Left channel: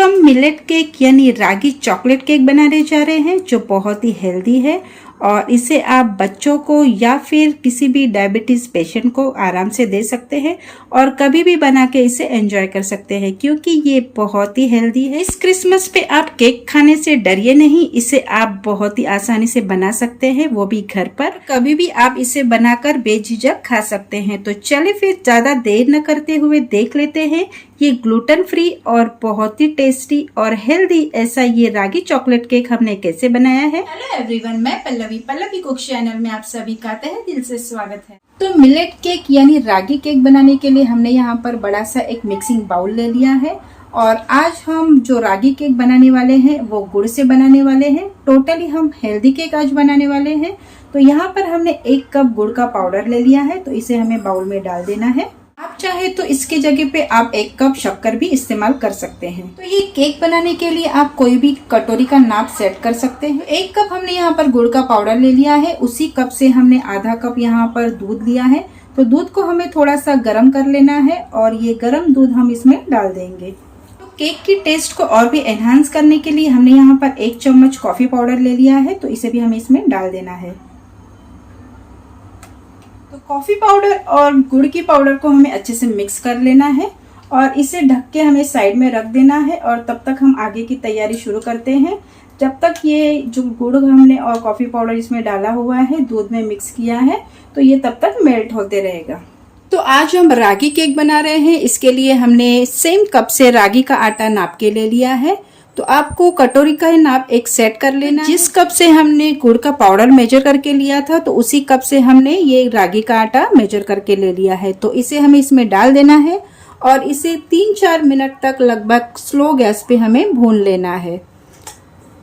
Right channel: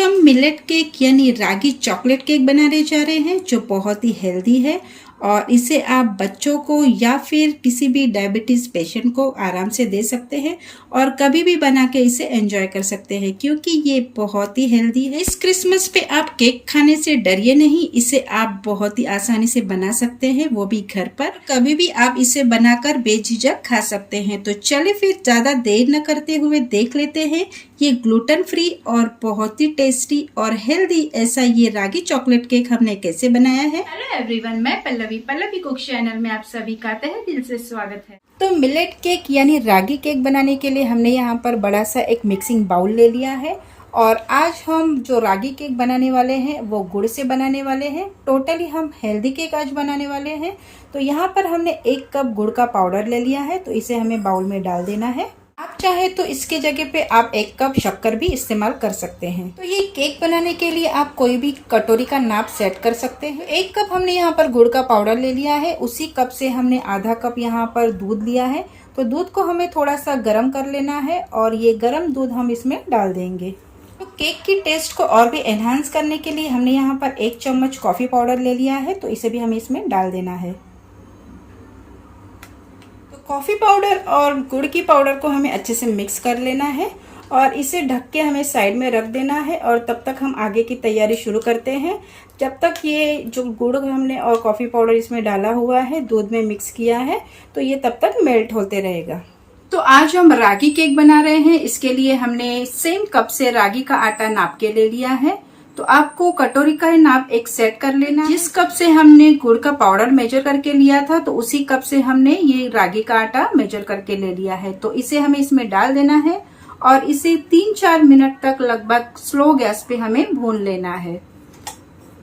हम millet cake यानी रागी chocolate cake बनाने जा रहे हैं जो बहुत ही हेल्दी है और इसे आप बच्चों को या फिर किसी भी डायबिटीज पेशेंट को आराम से दे सकते हैं और कभी भी बना के इसे एंजॉय कर सकते हैं क्योंकि ये बहुत ही हेल्दी है। इस क्रिसमस पे आप केक खाने से डरिए नहीं, इसे आप बहुत ही आसानी से बना सकते हैं, वो भी घर पर। कभी भी आप इसे बनाकर बेझिझक खा सकते हैं। तो चलिए फिर ज्यादा देर न करते हुए देख लेते हैं ये ग्लूटेन फ्री और बहुत ही टेस्टी और हेल्दी ऐसा ये रागी चॉकलेट केक हमने कैसे बनाया है। हेलो एवरीवन, मैं पल्लवी कुक चैनल में आप सभी का तहे दिल से स्वागत है। तो मिलेट केक यानी रागी केक बनाने के लिए हमने यहाँ पर बड़ा सा एक मिक्सिंग बाउल ले लिया है और आज हम जो रागी केक बनाने वाले हैं वो गुड़ से बनाने वाले हैं। टोटली हम हेल्दी केक आज बनाने वाले हैं। तो यहाँ पर हमने 1 कप गुड़ का पाउडर ले लिया है, तो इसे हमें बाउल में डाल देना है। आप चाहे तो इसके जगह पे आप 1 कप शक्कर भी इस्तेमाल कर सकते हैं। तो ये केक बनाने के लिए आप कोई भी कटोरी का नाप सेट कर सकते हैं। 1 कप हमने यहाँ पर गुड़ का पाउडर ले लिया है, उसी कप से हमने आधा कप यहाँ पर दूध लिया है। तो दूध को हमें थोड़ा सा गर्म कर लेना है और ये गर्म दूध हम इसमें डाल देंगे। तो केक की टेस्ट को और भी एनहांस करने के लिए हमने यहाँ पर 1 चम्मच कॉफी पाउडर ले लिया है, तो इसे भी हमें इसमें डाल देना है। कॉफी पाउडर और गुड़ की पाउडर को हमें अच्छे से मिक्स कर लेना है और इसे ढक के हमें साइड में रख देना है और तब तक हम आगे की तैयारी शुरू करते हैं। जब तक ये जो गुड़ हमने और कॉफी पाउडर इसमें डाला हुआ है, दूध में मिक्स किया है, तो ये तब तक मेल्ट होते रहेगा। तो आज हम रागी केक बना रहे हैं, इसके लिए हमने सेम कप से रागी का आटा नाप के ले लिया है। तो आपको कटोरी का नाप एक सेट कर लेना। जिस कप से हमने गुड़ का पाउडर मेजर करके लिया था, तो उसी कप से हमने ये रागी का आटा मेजर करके ले लिया है। तो इसे हमें इसमें डाल देना है और इसे 3-4 मिनट तक लगभग स्लो गैस पे हमें भून लेना है।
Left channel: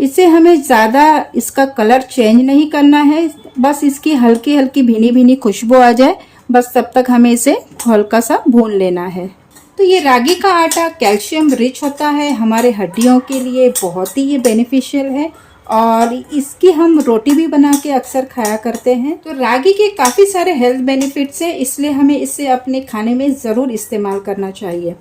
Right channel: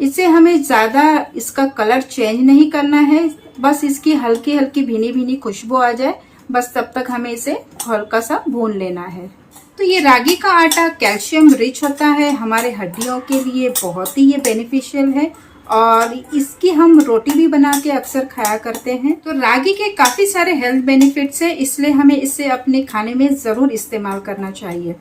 इसे हमें ज्यादा इसका कलर चेंज नहीं करना है, बस इसकी हल्की हल्की भीनी भीनी खुशबू आ जाए, बस तब तक हमें इसे हल्का सा भून लेना है। तो ये रागी का आटा कैल्शियम रिच होता है, हमारे हड्डियों के लिए बहुत ही ये बेनिफिशियल है और इसकी हम रोटी भी बना के अक्सर खाया करते हैं। तो रागी के काफ़ी सारे हेल्थ बेनिफिट्स हैं, इसलिए हमें इसे अपने खाने में ज़रूर इस्तेमाल करना चाहिए।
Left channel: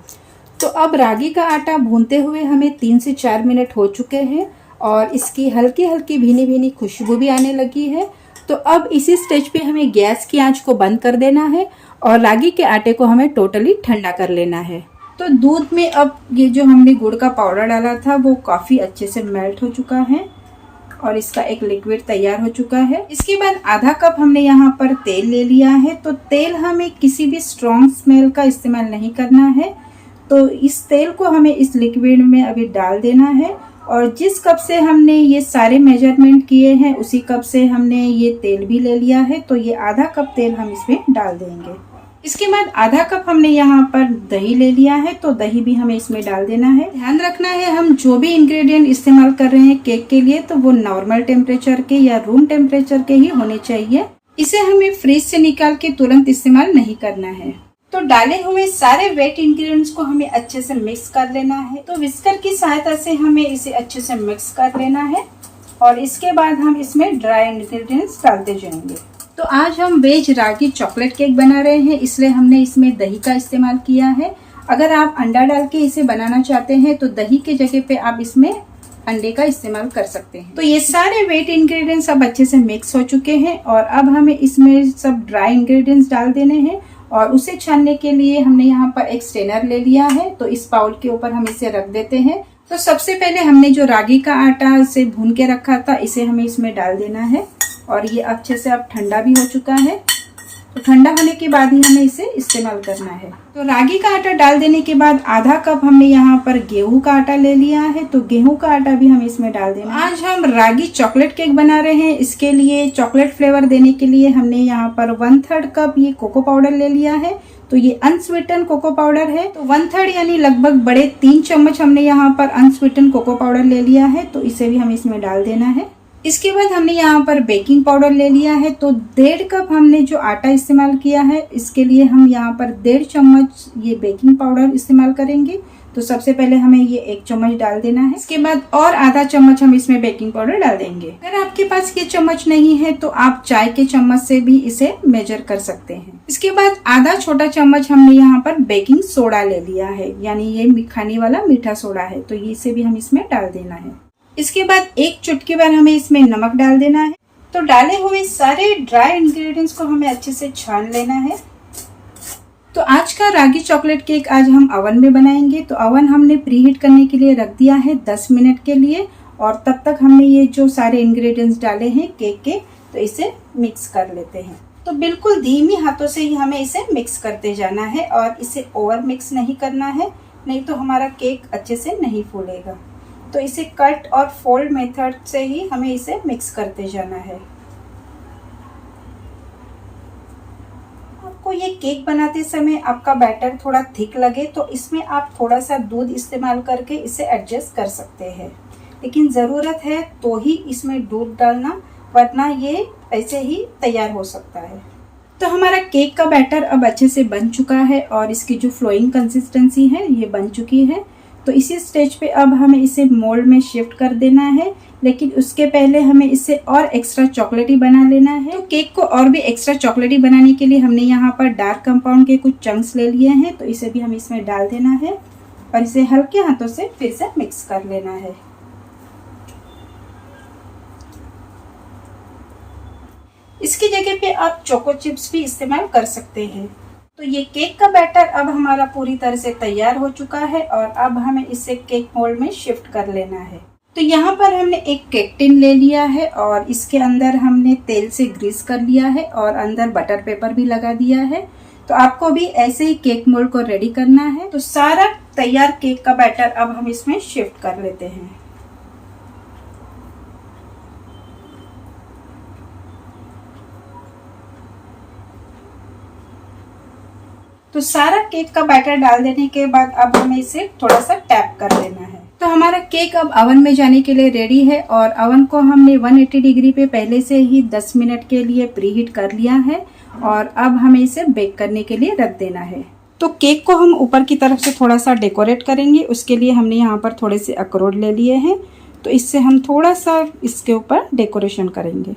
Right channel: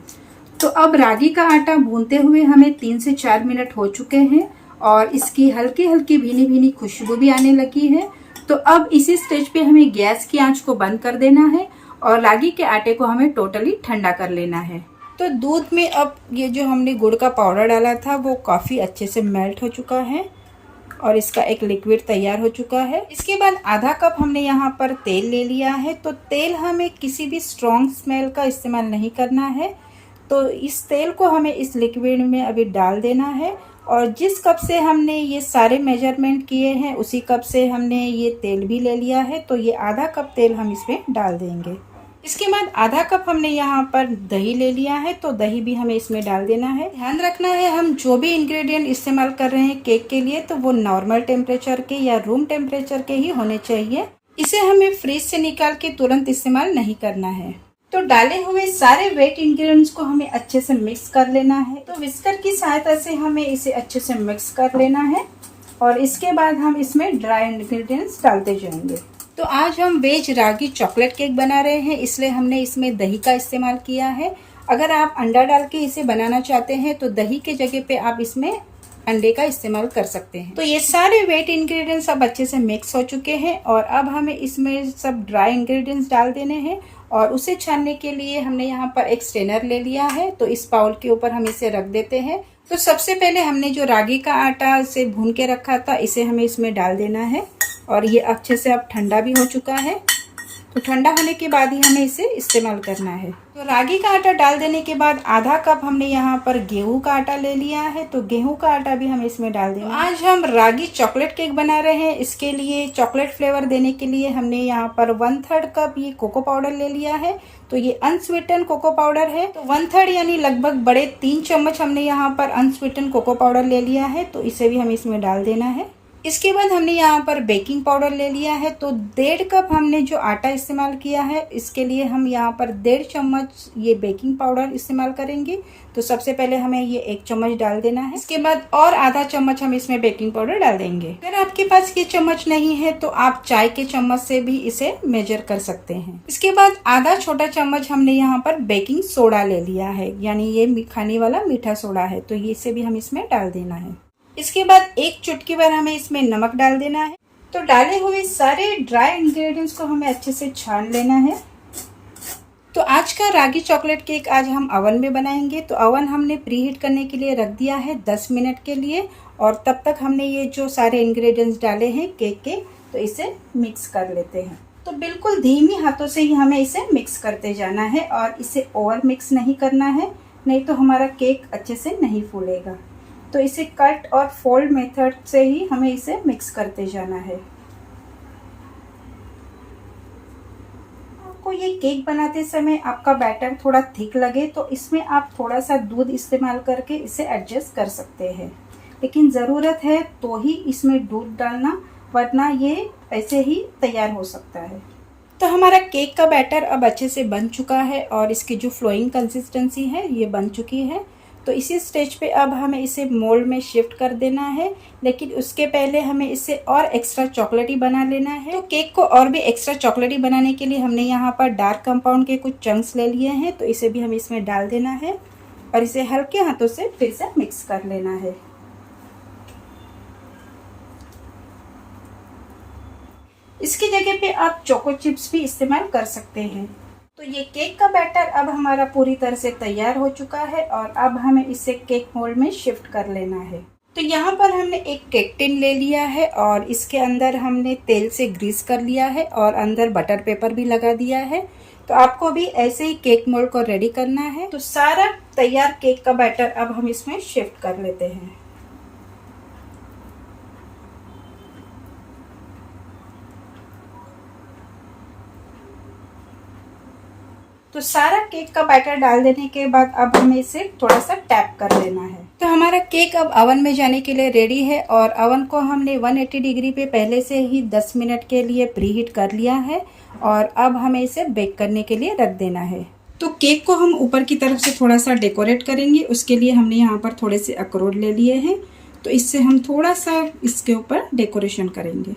तो अब रागी का आटा भूनते हुए हमें 3 से 4 मिनट हो चुके हैं और इसकी हल्की हल्की भीनी भीनी खुशबू भी आने लगी है। तो अब इसी स्टेज पे हमें गैस की आंच को बंद कर देना है और रागी के आटे को हमें टोटली ठंडा कर लेना है। तो दूध में अब ये जो हमने गुड़ का पाउडर डाला था वो काफ़ी अच्छे से मेल्ट हो चुका है और इसका एक लिक्विड तैयार हो चुका है। इसके बाद आधा कप हमने यहाँ पर तेल ले लिया है। तो तेल हमें किसी भी स्ट्रॉन्ग स्मेल का इस्तेमाल नहीं करना है। तो इस तेल को हमें इस लिक्विड में अभी डाल देना है और जिस कप से हमने ये सारे मेजरमेंट किए हैं उसी कप से हमने ये तेल भी ले लिया है। तो ये आधा कप तेल हम इसमें डाल देंगे। इसके बाद आधा कप हमने यहाँ पर दही ले लिया है, तो दही भी हमें इसमें डाल देना है। ध्यान रखना है हम जो भी इंग्रेडिएंट इस्तेमाल कर रहे हैं केक के लिए, तो वो नॉर्मल टेम्परेचर के या रूम टेम्परेचर के ही होने चाहिए। इसे हमें फ्रिज से निकाल के तुरंत इस्तेमाल नहीं करना है। तो डाले हुए सारे वेट इंग्रेडिएंट्स को हमें अच्छे से मिक्स कर लेना है। तो विस्कर की सहायता से हमें इसे अच्छे से मिक्स कर लेना है और इसके बाद हम इसमें ड्राई इंग्रेडिएंट्स डालते जाएंगे। तो आज हम वेज रागी चॉकलेट केक बना रहे हैं, इसलिए हमने इसमें दही का इस्तेमाल किया है। अगर आप अंडा डाल के इसे बनाना चाहते हैं तो दही के जगह पे आप इसमें अंडे का इस्तेमाल कर सकते हैं। तो ये सारे वेट इंग्रेडिएंट्स अब अच्छे से मिक्स हो चुके हैं और अब हमें इसमें सब ड्राई इंग्रेडिएंट्स डाल देने हैं और उसे छानने के लिए हमने यहाँ पर एक स्ट्रेनर ले लिया है। तो इस बाउल के ऊपर हम इसे रख देते हैं। तो सबसे पहले हमने जो रागी का आटा से भून के रखा था, इसे हमें इसमें डाल देना है और ये अच्छे से अब ठंडा भी हो चुका है। तो ठंडा होने के बाद ही हमें इसे इस्तेमाल करना है। तो रागी का आटा डाल देने के बाद आधा कप हमने यहाँ पर गेहूं का आटा ले लिया है, तो गेहूं का आटा भी हमें इसमें डाल देना है। आज हम रागी चॉकलेट केक बना रहे हैं, इसके लिए चॉकलेट फ्लेवर देने के लिए हमने यहाँ पर 1/3 कप ये कोको पाउडर ले लिया है। तो ये अनस्वीटन कोको पाउडर है। तो 1/3 यानी लगभग बड़े 3 चम्मच हमने यहाँ पर अनस्वीटन कोको पाउडर ले लिया है। तो इसे भी हमें इसमें डाल देना है। इसके बाद हमने यहाँ पर बेकिंग पाउडर ले लिया है। तो 1.5 कप हमने जो आटा इस्तेमाल किया है, इसके लिए हम यहाँ पर 1.5 चम्मच ये बेकिंग पाउडर इस्तेमाल करेंगे। तो सबसे पहले हमें ये 1 चम्मच डाल देना है। इसके बाद और आधा चम्मच हम इसमें बेकिंग पाउडर डाल देंगे। अगर आपके पास ये चम्मच नहीं है तो आप चाय के चम्मच से भी इसे मेजर कर सकते हैं। इसके बाद आधा छोटा चम्मच हमने यहाँ पर बेकिंग सोडा ले लिया है, यानी ये खाने वाला मीठा सोडा है, तो ये इसे भी हम इसमें डाल देना है। इसके बाद 1 चुटकी भर हमें इसमें नमक डाल देना है। तो डाले हुए सारे ड्राई इंग्रेडिएंट्स को हमें अच्छे से छान लेना है। तो आज का रागी चॉकलेट केक आज हम ओवन में बनाएंगे। तो ओवन हमने प्रीहीट करने के लिए रख दिया है 10 मिनट के लिए, और तब तक हमने ये जो सारे इंग्रेडिएंट्स डाले हैं केक के, तो इसे मिक्स कर लेते हैं। तो बिल्कुल धीमी हाथों से ही हमें इसे मिक्स करते जाना है और इसे ओवर मिक्स नहीं करना है, नहीं तो हमारा केक अच्छे से नहीं फूलेगा। तो इसे कट और फोल्ड मेथड से ही हमें इसे मिक्स करते जाना है। आपको ये केक बनाते समय आपका बैटर थोड़ा थिक लगे तो इसमें आप थोड़ा सा दूध इस्तेमाल करके इसे एडजस्ट कर सकते हैं, लेकिन ज़रूरत है तो ही इसमें दूध डालना, वरना ये ऐसे ही तैयार हो सकता है। तो हमारा केक का बैटर अब अच्छे से बन चुका है और इसकी जो फ्लोइंग कंसिस्टेंसी है ये बन चुकी है। तो इसी स्टेज पे अब हमें इसे मोल्ड में शिफ्ट कर देना है, लेकिन उसके पहले हमें इसे और एक्स्ट्रा चॉकलेटी बना लेना है। तो केक को और भी एक्स्ट्रा चॉकलेटी बनाने के लिए हमने यहाँ पर डार्क कंपाउंड के कुछ चंक्स ले लिए हैं, तो इसे भी हमें इसमें डाल देना है और इसे हल्के हाथों से फिर से मिक्स कर लेना है। इसकी जगह पे आप चोको चिप्स भी इस्तेमाल कर सकते हैं। तो ये केक का बैटर अब हमारा पूरी तरह से तैयार हो चुका है और अब हमें इसे केक मोल्ड में शिफ्ट कर लेना है। तो यहाँ पर हमने एक केक टिन ले लिया है और इसके अंदर हमने तेल से ग्रीस कर लिया है और अंदर बटर पेपर भी लगा दिया है। तो आपको भी ऐसे ही केक मोल्ड को रेडी करना है। तो सारा तैयार केक का बैटर अब हम इसमें शिफ्ट कर लेते हैं। तो सारा केक का बैटर डाल देने के बाद अब हमें इसे थोड़ा सा टैप कर देना है। तो हमारा केक अब ओवन में जाने के लिए रेडी है और ओवन को हमने 180 डिग्री पे पहले से ही 10 मिनट के लिए प्रीहीट कर लिया है और अब हमें इसे बेक करने के लिए रख देना है। तो केक को हम ऊपर की तरफ से थोड़ा सा डेकोरेट करेंगे। उसके लिए हमने यहाँ पर थोड़े से अखरोट ले लिए हैं, तो इससे हम थोड़ा सा इसके ऊपर डेकोरेशन करेंगे।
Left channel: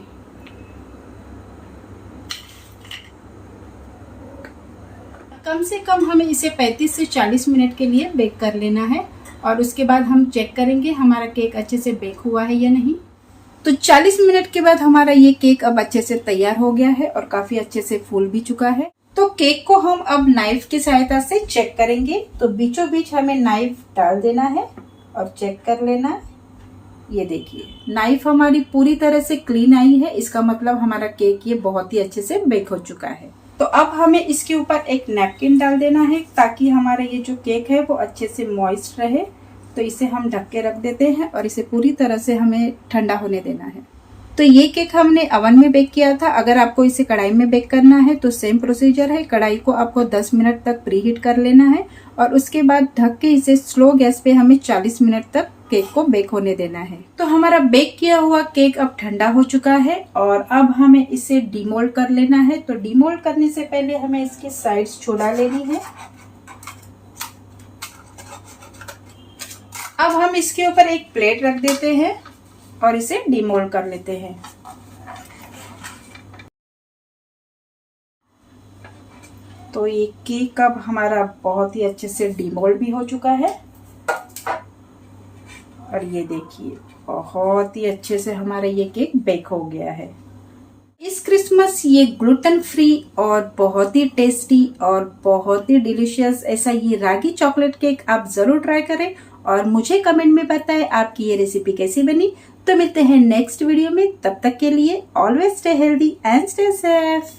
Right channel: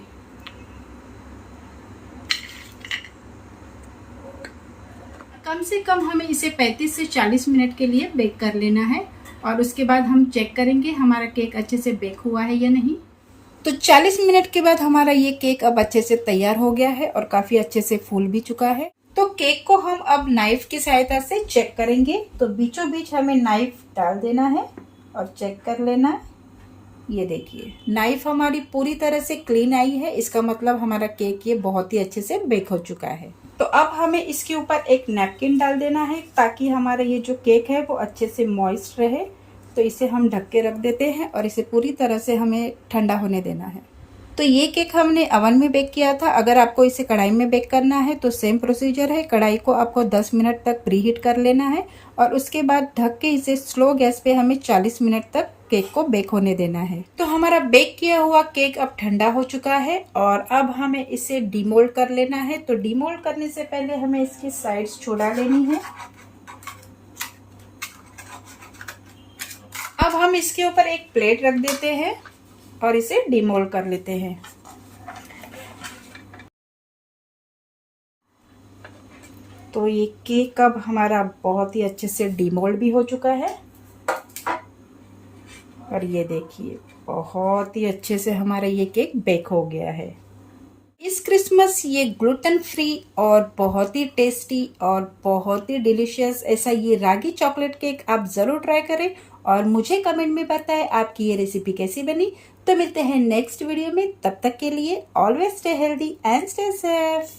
कम से कम हमें इसे 35 से 40 मिनट के लिए बेक कर लेना है और उसके बाद हम चेक करेंगे हमारा केक अच्छे से बेक हुआ है या नहीं। तो 40 मिनट के बाद हमारा ये केक अब अच्छे से तैयार हो गया है और काफी अच्छे से फूल भी चुका है। तो केक को हम अब नाइफ की सहायता से चेक करेंगे। तो बीचों बीच हमें नाइफ डाल देना है और चेक कर लेना है। ये देखिए नाइफ हमारी पूरी तरह से क्लीन आई है, इसका मतलब हमारा केक ये बहुत ही अच्छे से बेक हो चुका है। तो अब हमें इसके ऊपर एक नैपकिन डाल देना है ताकि हमारा ये जो केक है वो अच्छे से मॉइस्ट रहे। तो इसे हम ढक के रख देते हैं और इसे पूरी तरह से हमें ठंडा होने देना है। तो ये केक हमने ओवन में बेक किया था। अगर आपको इसे कढ़ाई में बेक करना है तो सेम प्रोसीजर है। कढ़ाई को आपको 10 मिनट तक प्रीहीट कर लेना है और उसके बाद ढक के इसे स्लो गैस पे हमें 40 मिनट तक केक को बेक होने देना है। तो हमारा बेक किया हुआ केक अब ठंडा हो चुका है और अब हमें इसे डीमोल्ड कर लेना है। तो डीमोल्ड करने से पहले हमें इसकी साइड्स छुड़ा लेनी है। अब हम इसके ऊपर एक प्लेट रख देते हैं और इसे डीमोल्ड कर लेते हैं। तो ये केक अब हमारा बहुत ही अच्छे से डीमोल्ड भी हो चुका है और ये देखिए बहुत ही अच्छे से हमारा ये केक बेक हो गया है। इस क्रिसमस ये ग्लूटेन फ्री और बहुत ही टेस्टी और बहुत ही डिलीशियस ऐसा ये रागी चॉकलेट केक आप जरूर ट्राई करें और मुझे कमेंट में बताएं आपकी ये रेसिपी कैसी बनी। तो मिलते हैं नेक्स्ट वीडियो में, तब तक के लिए always stay healthy and stay safe.